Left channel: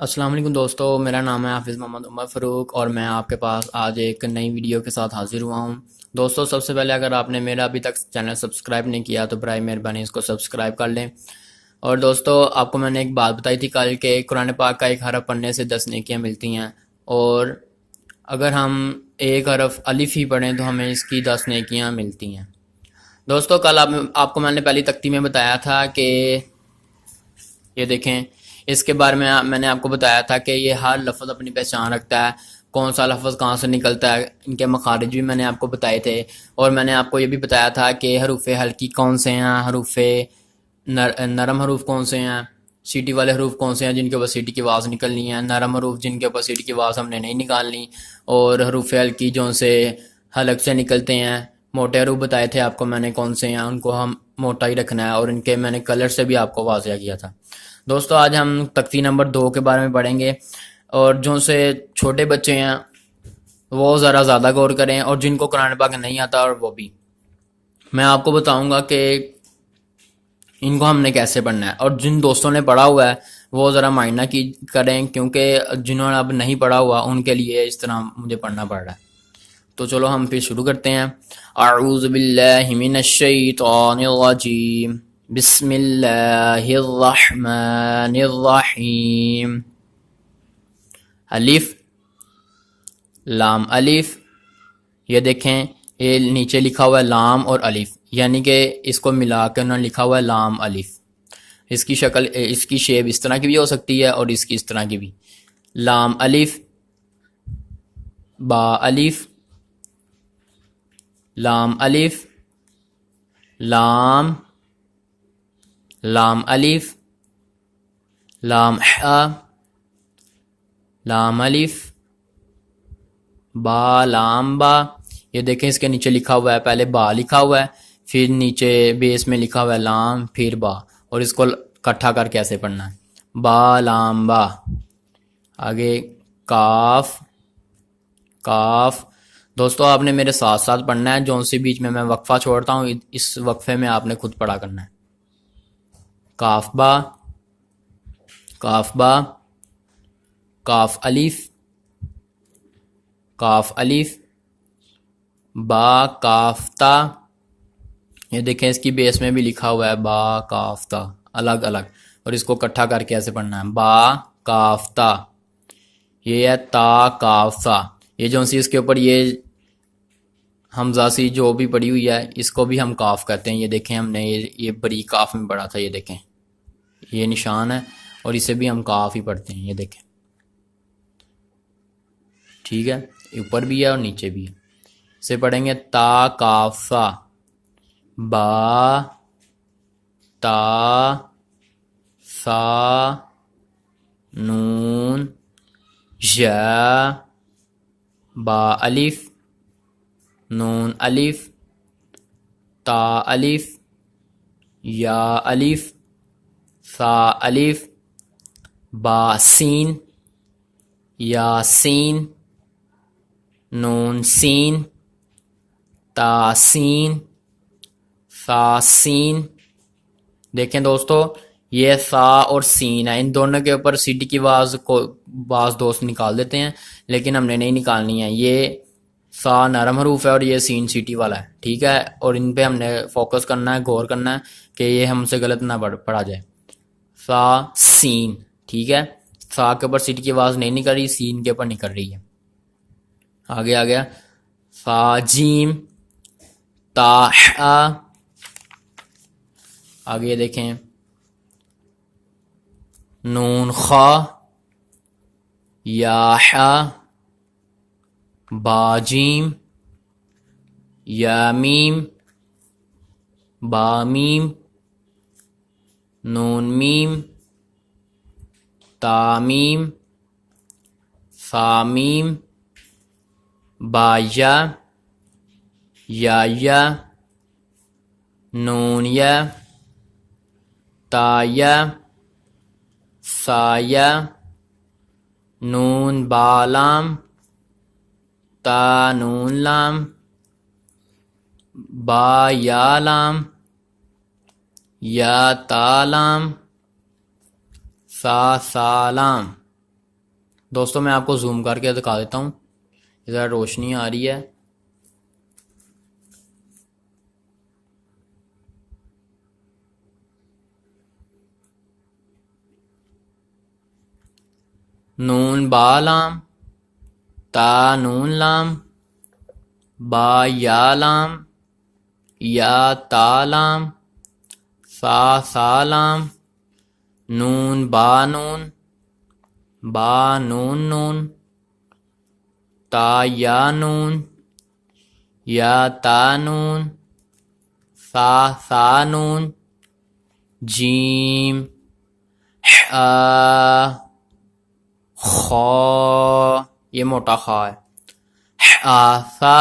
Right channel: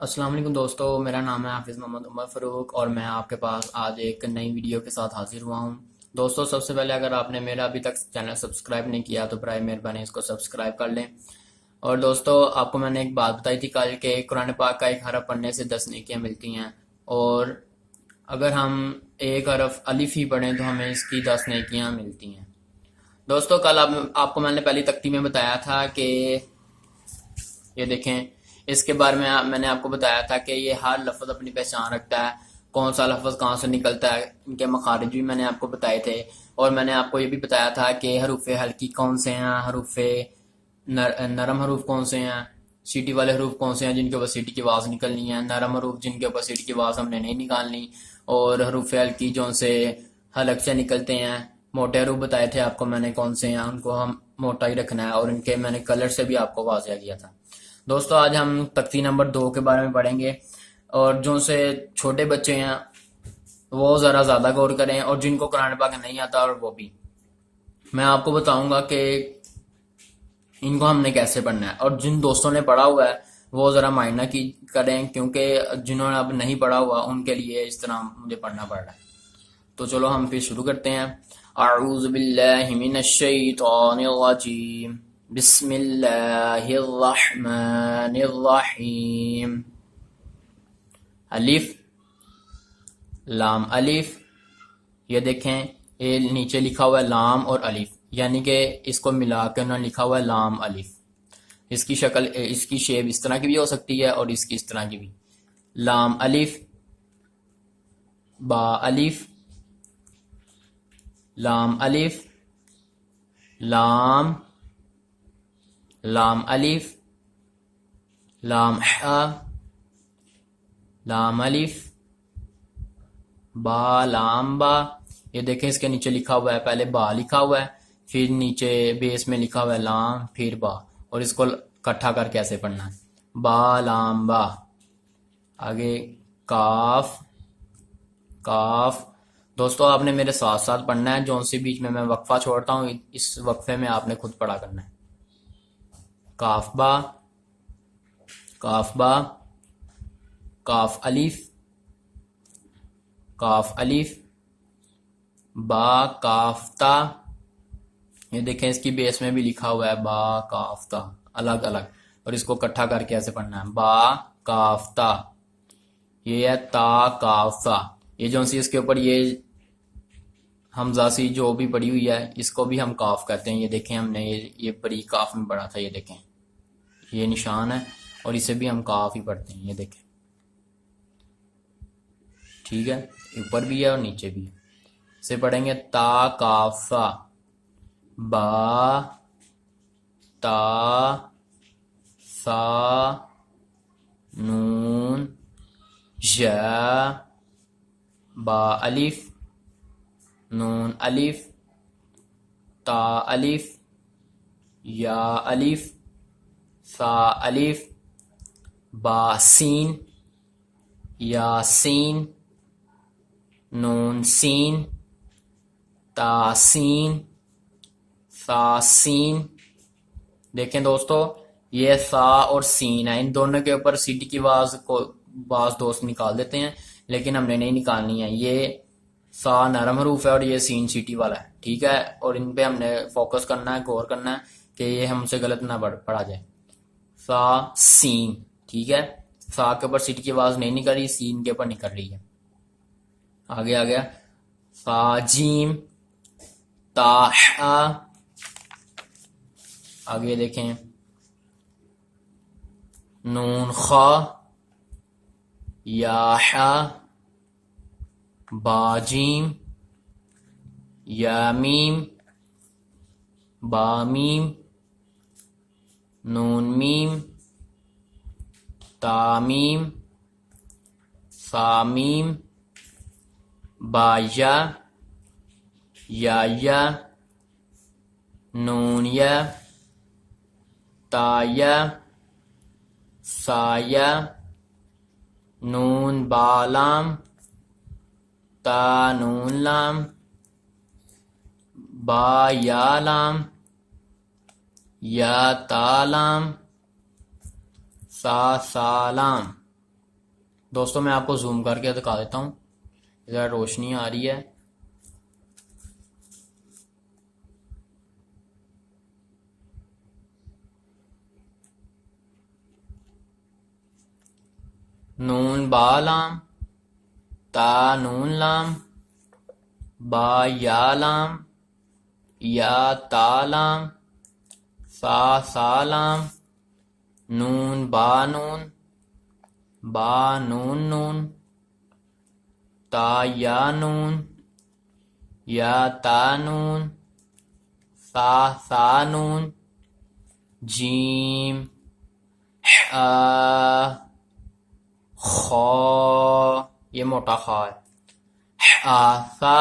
السلام علیکم دوستو، میرا نام ہے حافظ محمد عمر فاروق اور میں آپ کے پاس آج ایک نئی ویڈیو کے ساتھ حاضر ہوا ہوں۔ دوستو، سب سے پہلے اگر آپ نے میرا ابھی تک چینل سبسکرائب نہیں کیا تو برائے مہربانی اس کو سبسکرائب کر لیں۔ اور دوستو، آپ کو میں نے ایک بات بتائی تھی کل کہ قرآن پاک کا ایک حرف پڑھنے سے 10 نیکیاں ملتی ہیں، اور اگر ہم ایک حرف الف ہی پڑھیں تو ہمیں اس کی 10 نیکیاں ملتی ہیں۔ دوستو، کل آپ کو میں نے پہلی تختی میں بتایا تھا کہ یہ دیکھیں، اس کے بارے میں نے آپ کو بتایا تھا کہ یہ ہر لفظ اپنی پہچان رکھتا ہے، کون سا لفظ کہاں سے نکلتا ہے، ان کے مخارج بھی میں نے آپ کو بتائے تھے۔ اور میں نے آپ کو یہ بھی بتایا تھا کہ حروف ہلکی کون سے ہیں، حروف نرم حروف کون سے ہیں، سیٹی والے حروف کون سے ہیں جن کے اوپر سیٹی کی آواز نکلنی ہے، نرم حروف جن کے اوپر سیٹی کی آواز ہم نے نہیں نکالنی، اور حروف ہلکی جو سے حلق سے نکلتے ہیں۔ موٹے حروف بتائے تھے آپ کو میں نے کون سے ہیں، ان کو ہم موٹا ہی رکھنا ہے، اور ان کے میں نے کلر سے بھی آپ کو واضح کیا تھا۔ دوستو، آج ہم تختی نمبر 2 کے بارے میں پڑھیں گے، اور جو سے چھوٹے بچے ہیں وہ ذرا زیادہ غور کریں، اور جن کو قرآن پاک نہیں آتا اور وہ بھی میں آپ کو بتاؤں گا کہ ان کو ہم نے کیسے پڑھنا ہے۔ اور جن دوستوں نے پڑھا ہوا ہے وہ ذرا معائنہ کی کریں، کیونکہ جنہوں نے اب نہیں پڑھا ہوا ان کے لیے اس طرح مجھے پڑھنا پڑ رہا ہے۔ تو چلو ہم پھر شروع کرتے ہیں۔ اعوذ باللہ من الشیطان الرجیم، بسم اللہ الرحمن الرحیم۔ الف، لام الف، یہ دیکھیں، یہ نیچے لکھا ہوا ہے لام اور الف، یعنی کہ اس کو ملا کے انہوں نے لکھا ہوا ہے لام الف۔ اس کی شکل، اس کی شیپ اس طرح کی بھی ہو سکتی ہے اور اس کی اس طرح کی بھی۔ لام الف، با الف، لام الف، لام، لام الف، لام حا، لام الف، با، لام با۔ یہ دیکھیں، اس کے نیچے لکھا ہوا ہے، پہلے با لکھا ہوا ہے، پھر نیچے بیس میں لکھا ہوا ہے لام، پھر با، اور اس کو اکٹھا کر کے ایسے پڑھنا ہے، با لام با۔ آگے کاف، کاف۔ دوستو، آپ نے میرے ساتھ ساتھ پڑھنا ہے، جو سی بیچ میں وقفہ چھوڑتا ہوں اس وقفے میں آپ نے خود پڑھا کرنا ہے۔ کاف با، کاف با، کاف الف، کاف الف، با کاف تا۔ یہ دیکھیں، اس کی بیس میں بھی لکھا ہوا ہے با کاف تا، الگ الگ، اور اس کو اکٹھا کر کے ایسے پڑھنا ہے، با کاف تا۔ یہ ہے تا کاف تا، یہ جو سی اس کے اوپر یہ حمزہ سی جو بھی پڑی ہوئی ہے اس کو بھی ہم کاف کہتے ہیں۔ یہ دیکھیں، ہم نے یہ بری کاف میں پڑھا تھا، یہ دیکھیں یہ نشان ہے، اور اسے بھی ہم کاف ہی پڑھتے ہیں، یہ دیکھیں ٹھیک ہے، اوپر بھی ہے اور نیچے بھی ہے۔ اسے پڑھیں گے تا کاف سا، با تا سا نون یا، با الف، نون الف، تا الف، یا الف، سا الف، با سین، یا سین، نون سین، تا سین، سا سین۔ دیکھیں دوستو، یہ سا اور سین ہے، ان دونوں کے اوپر سیٹی کی آواز کو بعض دوست نکال دیتے ہیں، لیکن ہم نے نہیں نکالنی ہے۔ یہ سا نرم حروف ہے اور یہ سین سیٹی والا ہے، ٹھیک ہے، اور ان پہ ہم نے فوکس کرنا ہے، غور کرنا ہے کہ یہ ہم سے غلط نہ پڑھا جائے۔ سا سین، ٹھیک ہے، سا کے اوپر سیٹی کی آواز نہیں نکل رہی، سین کے اوپر نکل رہی ہے۔ آگے آ گیا سا جیم، تا حا۔ آگے دیکھیں، نون خا، یا حا، با جیم، یا میم، با میم، نون میم، تا میم، سا میم، با یا، نون یا، تا یا، سا یا، نون با لام، تا نون لام، با یا لام، یا تا لام، سا سالام۔ دوستوں میں آپ کو زوم کر کے دکھا دیتا ہوں، ذرا روشنی آ رہی ہے. نون با لام، تا نون لام، با یا لام، یا تا لام، سا لام، نون با نون، با نون نون، تا یا نون، یا تا نون، سا نون، جیم خا، یہ موٹا خا ہے، آسا،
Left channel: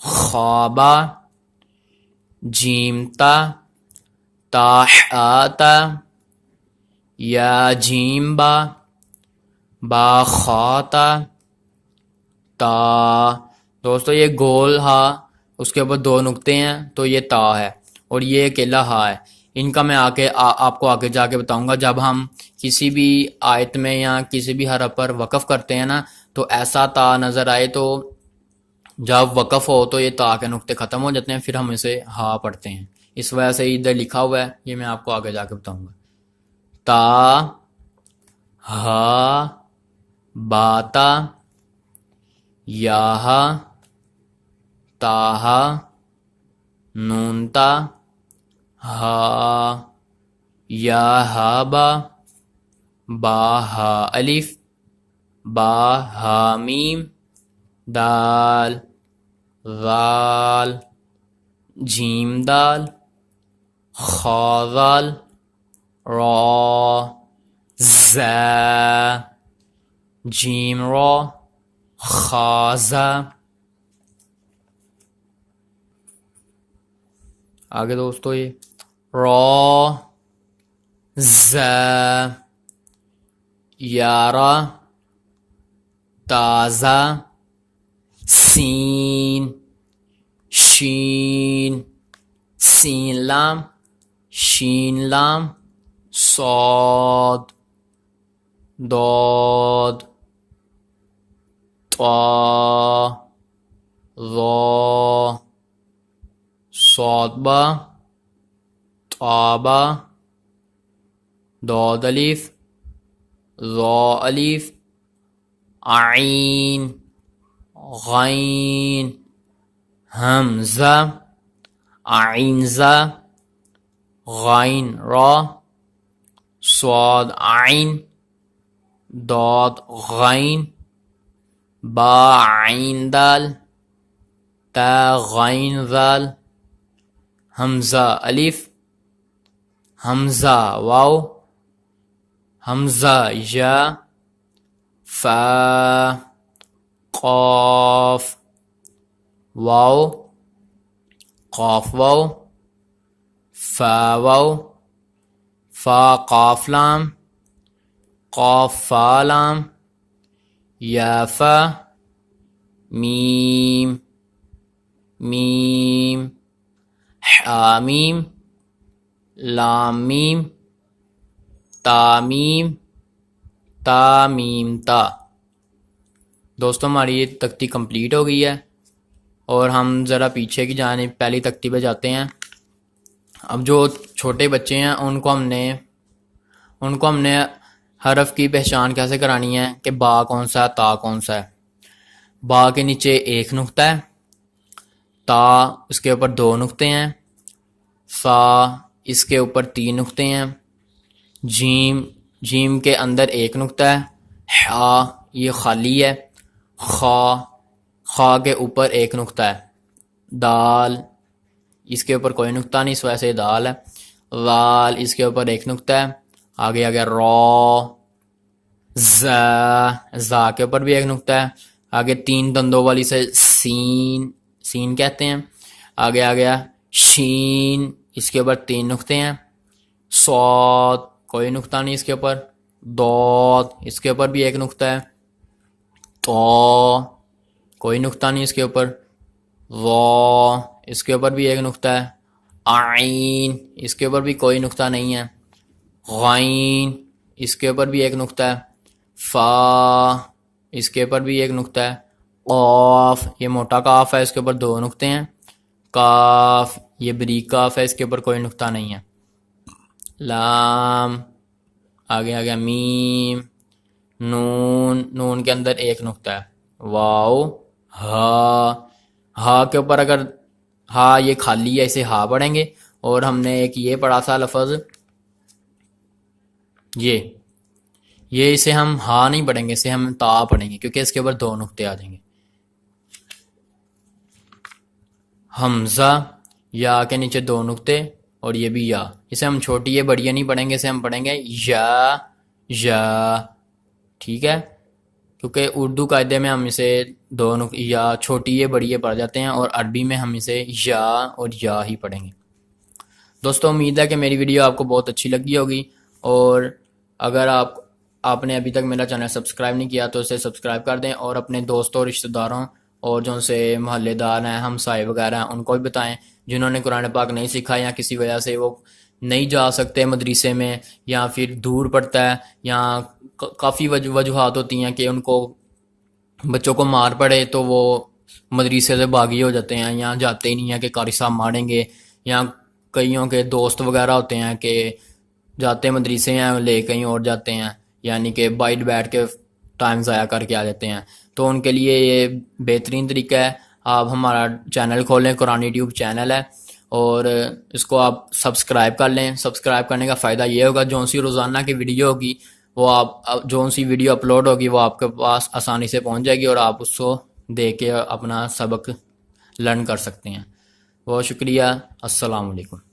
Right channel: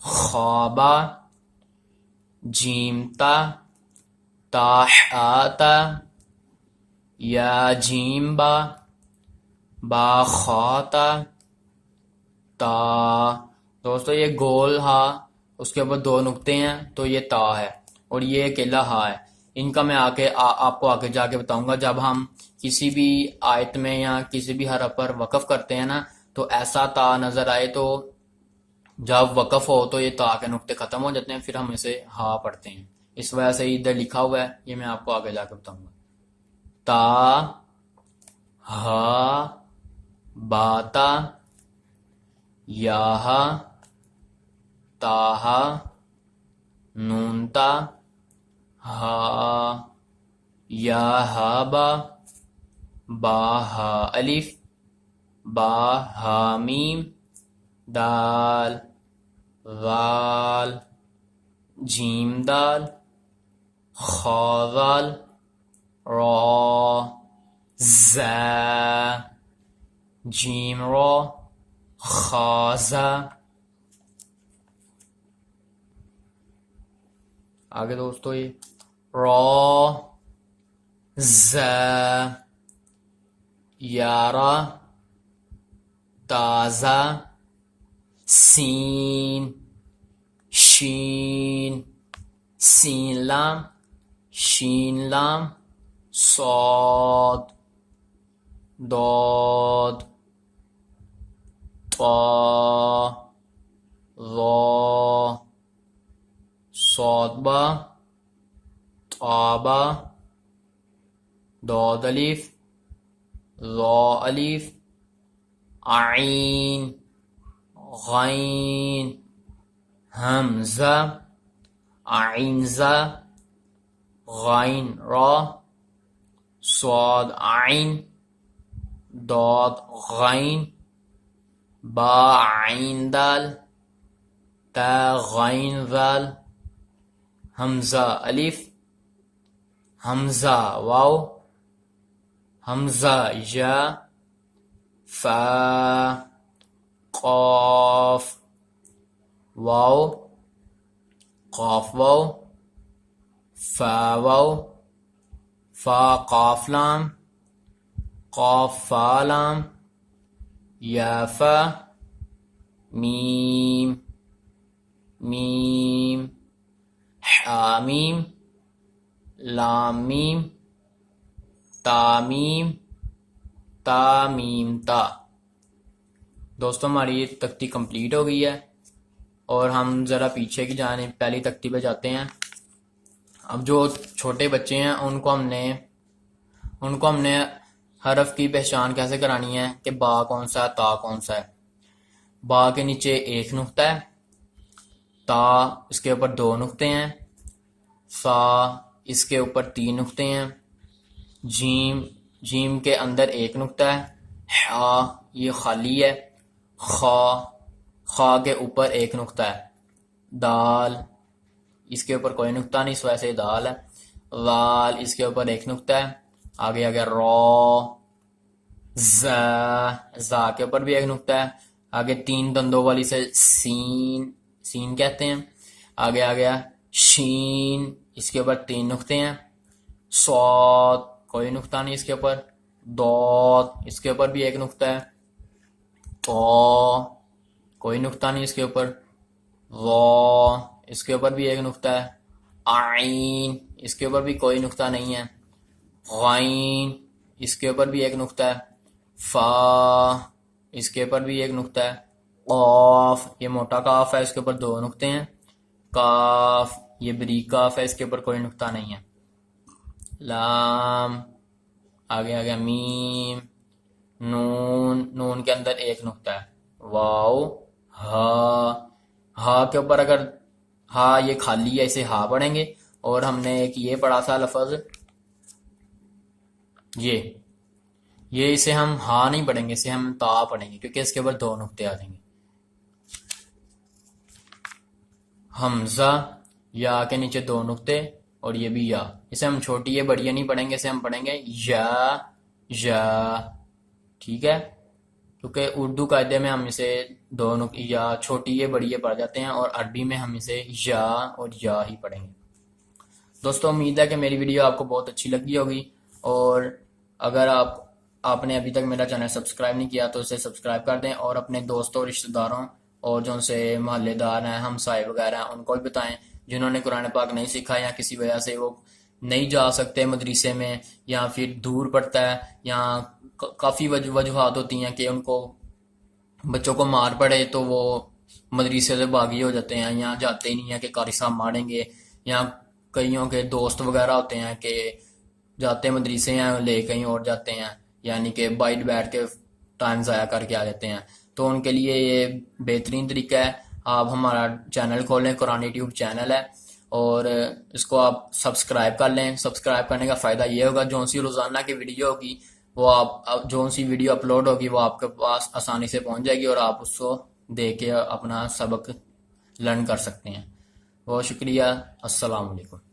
خوابا، جیم تا، آتا، یا جیم با خاتا، تا. دوستو یہ گول ہا، اس کے اوپر 2 نقطے ہیں تو یہ تا ہے، اور یہ اکیلا ہا ہے. ان کا میں آپ کو آگے جا کے بتاؤں گا. جب ہم کسی بھی آیت میں یا کسی بھی حرف پر وقف کرتے ہیں نا تو ایسا تا نظر آئے تو جب وقف ہو تو یہ تا کے نقطے ختم ہو جاتے ہیں، پھر ہم اسے ہا پڑھتے ہیں. اس وجہ سے ادھر لکھا ہوا ہے، یہ میں آپ کو آگے جا کے بتاؤں گا. تا، ہا، باتا، یاہا، تاہا، نونتا، ہا، یا ہا با ہا الف، با ہا میم، دال، ذال، جیم دال، خا ذال، را، زا، جیم را، خازا. آگے دوستو یہ را، زا، یارا، تازہ، سین، شین، سین لام، شین لام، صاد، ضاد، طا، ظا، صاد با، طابا، ضاد الف، ظا الف، عین، غین، حمزہ، عین زا، غین را، صاد عین، ضاد غین، با عین دال، تا غین ذال، حمزہ الف، حمزہ واو، حمزہ یا، فا، قاف، واو، قاف واو، فا واو، فا قاف لام، قاف فا لام، یا فا، میم، میم، حامیم، لام میم، تامیم، تامیم تا. دوستوں ہماری یہ تختی کمپلیٹ ہو گئی ہے، اور ہم ذرا پیچھے کی جانب پہلی تختی پہ جاتے ہیں. اب جو چھوٹے بچے ہیں ان کو ہم نے حرف کی پہچان کیسے کرانی ہے کہ با کون سا ہے، تا کون سا ہے. با کے نیچے 1 نقطہ ہے، تا اس کے اوپر 2 نقطے ہیں، سا اس کے اوپر 3 نقطے ہیں، جیم کے اندر 1 نقطہ ہے، ہا یہ خالی ہے، خا کے اوپر 1 نقطہ ہے، دال اس کے اوپر کوئی نقطہ نہیں، اس وجہ سے دال ہے، ذال اس کے اوپر 1 نقطہ ہے، آگے را، زا کے اوپر بھی 1 نقطہ ہے، آگے 3 دندوں والی سے سین کہتے ہیں، آگے آ گیا شین اس کے اوپر 3 نقطے ہیں، صاد کوئی نقطہ نہیں اس کے اوپر، ضاد اس کے اوپر بھی 1 نقطہ ہے، طا کوئی نقطہ نہیں اس کے اوپر، ظا اس کے اوپر بھی 1 نقطہ ہے، عین اس کے اوپر بھی کوئی نقطہ نہیں ہے، غین اس کے اوپر بھی 1 نقطہ ہے، فا اس کے اوپر بھی ایک نقطہ ہے، قاف یہ موٹا کاف ہے، اس کے اوپر 2 نقطے ہیں، کاف یہ بریک کاف ہے، اس کے اوپر کوئی نقطہ نہیں ہے، لام آگے آ گیا، میم، نون کے اندر ایک نقطہ ہے، واو، ہا کے اوپر اگر ہا یہ خالی ہے اسے ہا پڑھیں گے، اور ہم نے ایک یہ پڑھا تھا لفظ یہ اسے ہم ہا نہیں پڑھیں گے، اسے ہم تا پڑھیں گے کیونکہ اس کے اوپر 2 نقطے آ جائیں گے۔ حمزہ یا کے نیچے 2 نقطے اور یہ بھی یا، اسے ہم چھوٹی یہ بڑی نہیں پڑھیں گے، اسے ہم پڑھیں گے یا، ٹھیک ہے، کیونکہ اردو قاعدے میں ہم اسے یا چھوٹی یہ بڑی پڑھ جاتے ہیں، اور عربی میں ہم اسے یا اور یا ہی پڑھیں گے۔ دوستو امید ہے کہ میری ویڈیو آپ کو بہت اچھی لگی ہوگی، اور اگر آپ نے ابھی تک میرا چینل سبسکرائب نہیں کیا تو اسے سبسکرائب کر دیں، اور اپنے دوستوں رشتہ داروں اور جو ان سے محلے دار ہیں، ہمسائے وغیرہ ہیں، ان کو بھی بتائیں جنہوں نے قرآن پاک نہیں سیکھا یا کسی وجہ سے وہ نہیں جا سکتے مدرسے میں، یا پھر دور پڑتا ہے، یا کافی وجوہات ہوتی ہیں کہ ان کو بچوں کو مار پڑے تو وہ مدرسے سے باغی ہو جاتے ہیں یا جاتے ہی نہیں ہیں کہ قاری صاحب ماریں گے، یا کئیوں کے دوست وغیرہ ہوتے ہیں کہ جاتے مدرسے ہیں لے کہیں اور جاتے ہیں، یعنی کہ بائٹ بیٹھ کے ٹائم ضائع کر کے آ جاتے ہیں، تو ان کے لیے یہ بہترین طریقہ ہے، آپ ہمارا چینل کھولیں، قرآن ٹیوب چینل ہے، اور اس کو آپ سبسکرائب کر لیں۔ سبسکرائب کرنے کا فائدہ یہ ہوگا جو سی روزانہ کی ویڈیو ہوگی وہ جو سی ویڈیو اپلوڈ ہوگی وہ آپ کے پاس آسانی سے پہنچ جائے گی، اور آپ اس کو دیکھ کے اپنا سبق لرن کر سکتے ہیں۔ بہت شکریہ، السلام علیکم۔